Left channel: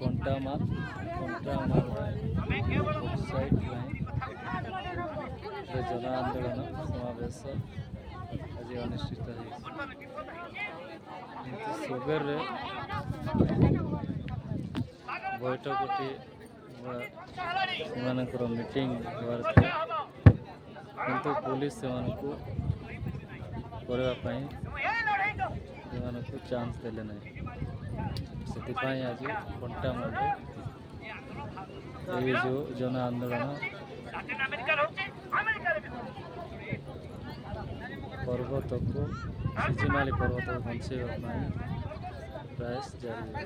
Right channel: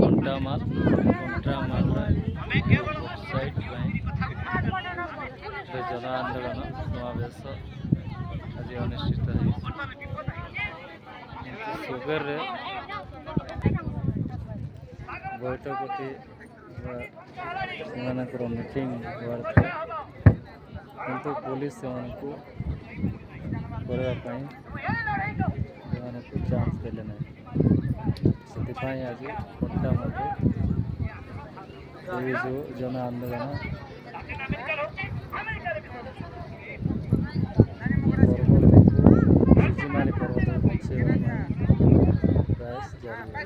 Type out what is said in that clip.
Kantamal side जन आंदोलन समावेश आज अनुष्ठित सुगर बैठकटी मीटिंग किंतु पुलिस से चांस देले ना से आज कंटामाल जो जन आंदोलन पर्वत को सिजिमाली पर्वत को बचाइवा प्रयास जारी है।